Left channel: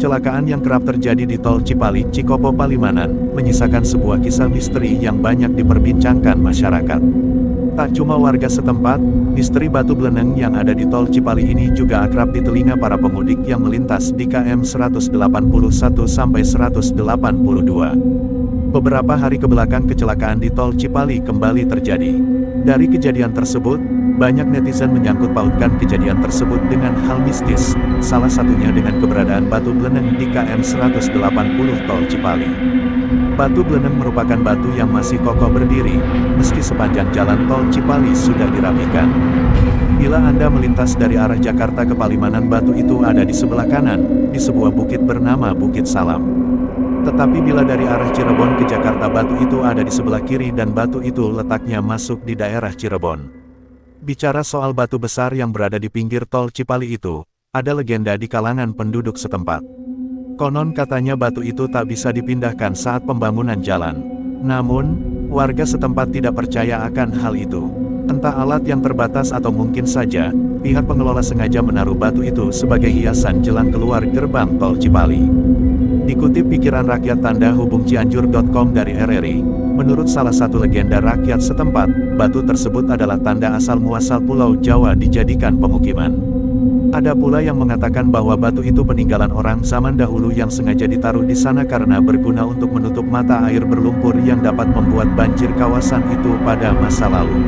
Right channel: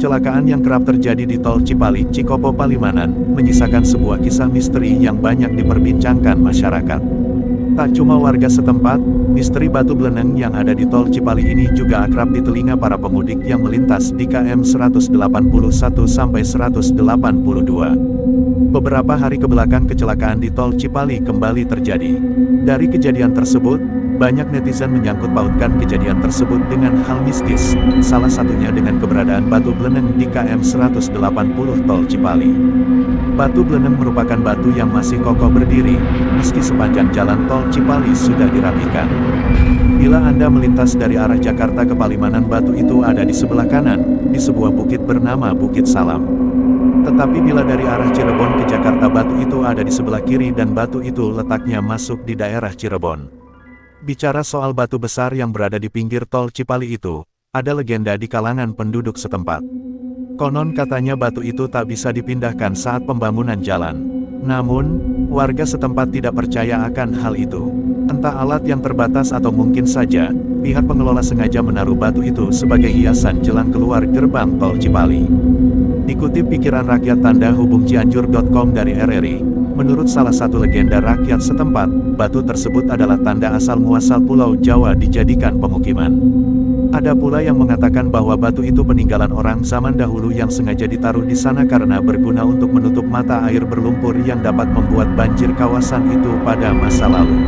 Kecelakaan yang kerap terjadi di Tol Cipali, Cikopo, Palimanan, menyisakan sebuah kisah misteri yang banyak diperbincangkan masyarakat. Tak cuma warga setempat, misteri batu beleneng yang ada di Tol Cipali ini juga akrab di telinga para pemudik yang melintas di KM 181-182. Beberapa hari kebelakang kecelakaan di Tol Cipali kembali terjadi. Dari kejadian tersebut, banyak netizen menyangkut pautkan kejadian tersebut dengan hal mistis, salah satunya dengan keberadaan batu beleneng di KM 180 Tol Cipali. Batu beleneng merupakan batu yang masih kokoh berdiri, meski sepanjang jalan Tol Cipali sudah dirapikan. Bila Anda melintas dari arah Jakarta ke Palimanan, batu itu ada di sebelah kanan, di sebuah bukit bernama Bukit Salam. Tetapi bila dari arah Cirebon ke Jakarta, batu itu ada di sebelah kiri dan batu itu letaknya masuk di daerah Cirebon. Bicara soal batu besar yang berada di pinggir Tol Cipali itu, ada legenda di kalangan penduduk setempat. Konon katanya batu itu tak bisa dipindahkan saat pembangunan jalan. Namun, warga setempat tidak percaya akan hal itu. Entah alat yang terbatas atau mungkin saja, pihak pengelola sengaja menaruh batu itu sebagai hiasan jelang keluar gerbang Tol Cipali. Dikutip pikiran rakyat tanda hubung Cianjur.com dari RRI, menurut salah satu legenda rakyat setempat, batu tersebut adalah tanda asal-muasal Pulau Jawa dijadikan pemukiman. Ada pula yang mengatakan bahwa batu itu peninggalan orang zaman dahulu yang sengaja ditaruh di sana karena berguna untuk menutup mata air berlumpur yang dapat membuat banjir kawasan itu pada masa lalu.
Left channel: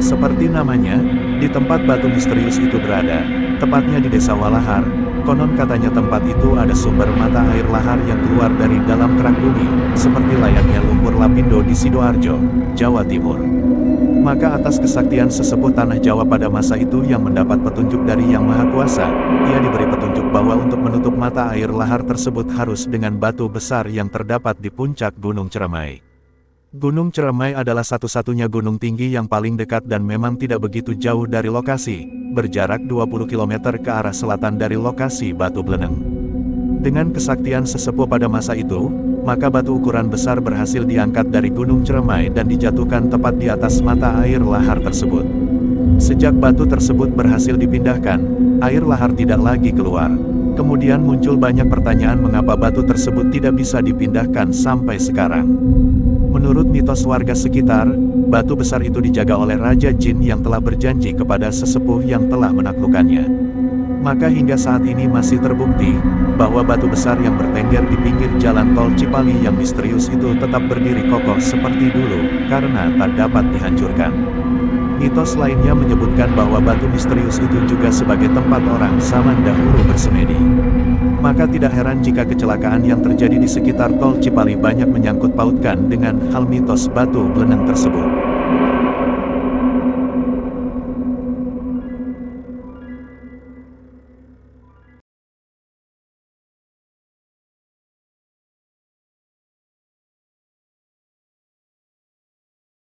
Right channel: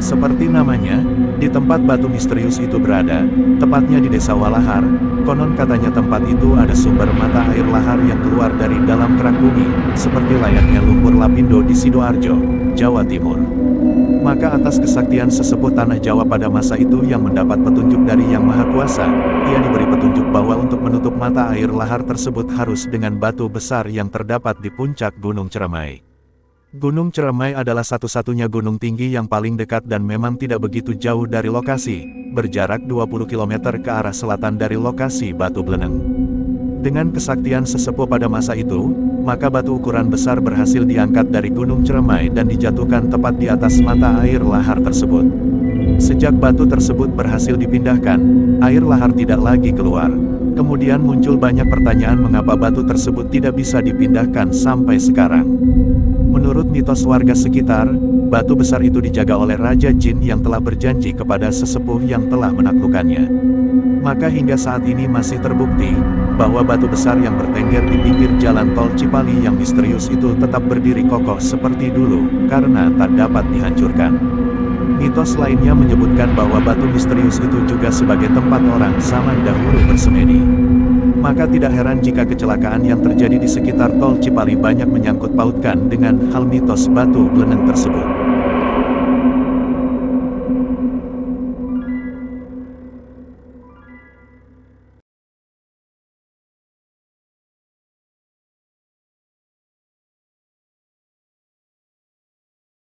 Seperti namanya, di tempat batu misterius itu berada, tepatnya di Desa Walahar, konon katanya tempat itu ada sumber mata air lahar yang keluar dari dalam kerak bumi, seperti layaknya lumpur Lapindo di Sidoarjo, Jawa Timur. Maka atas kesaktian sesepuh tanah Jawa pada masa itu yang mendapat petunjuk dari Yang Maha Kuasa, ia diberi petunjuk bahwa untuk menutup mata air lahar tersebut harus dengan batu besar yang terdapat di puncak Gunung Ciremai. Gunung Ciremai adalah satu-satunya gunung tinggi yang paling dekat dan memang tidak begitu jauh dari lokasi, berjarak 20 km ke arah selatan dari lokasi batu beleneng. Dengan kesaktian sesepuh pada masa itu, maka batu ukuran besar berhasil diangkat dari Gunung Ciremai dan dijatuhkan tepat di atas mata air lahar tersebut. Sejak batu tersebut berhasil dipindahkan, air lahar tidak lagi keluar. Kemudian muncul banyak pertanyaan mengapa batu tersebut tidak bisa dipindahkan sampai sekarang. Menurut mitos warga sekitar, batu besar itu dijaga oleh Raja Jin yang telah berjanji kepada sesepuh yang telah menaklukkannya. Maka hingga saat ini masih terbukti, bahwa batu besar yang bertengger di pinggir jalan Tol Cipali yang misterius itu tetap berdiri kokoh seperti dulu, karena tak dapat dihancurkan. Mitos lainnya menyebutkan bahwa batu misterius itu juga sebagai tempat orang zaman dahulu bersemedi. Maka tidak heran jika kecelakaan yang terjadi di sekitar Tol Cipali banyak menyangkut pautkan dengan hal mitos batu beleneng tersebut.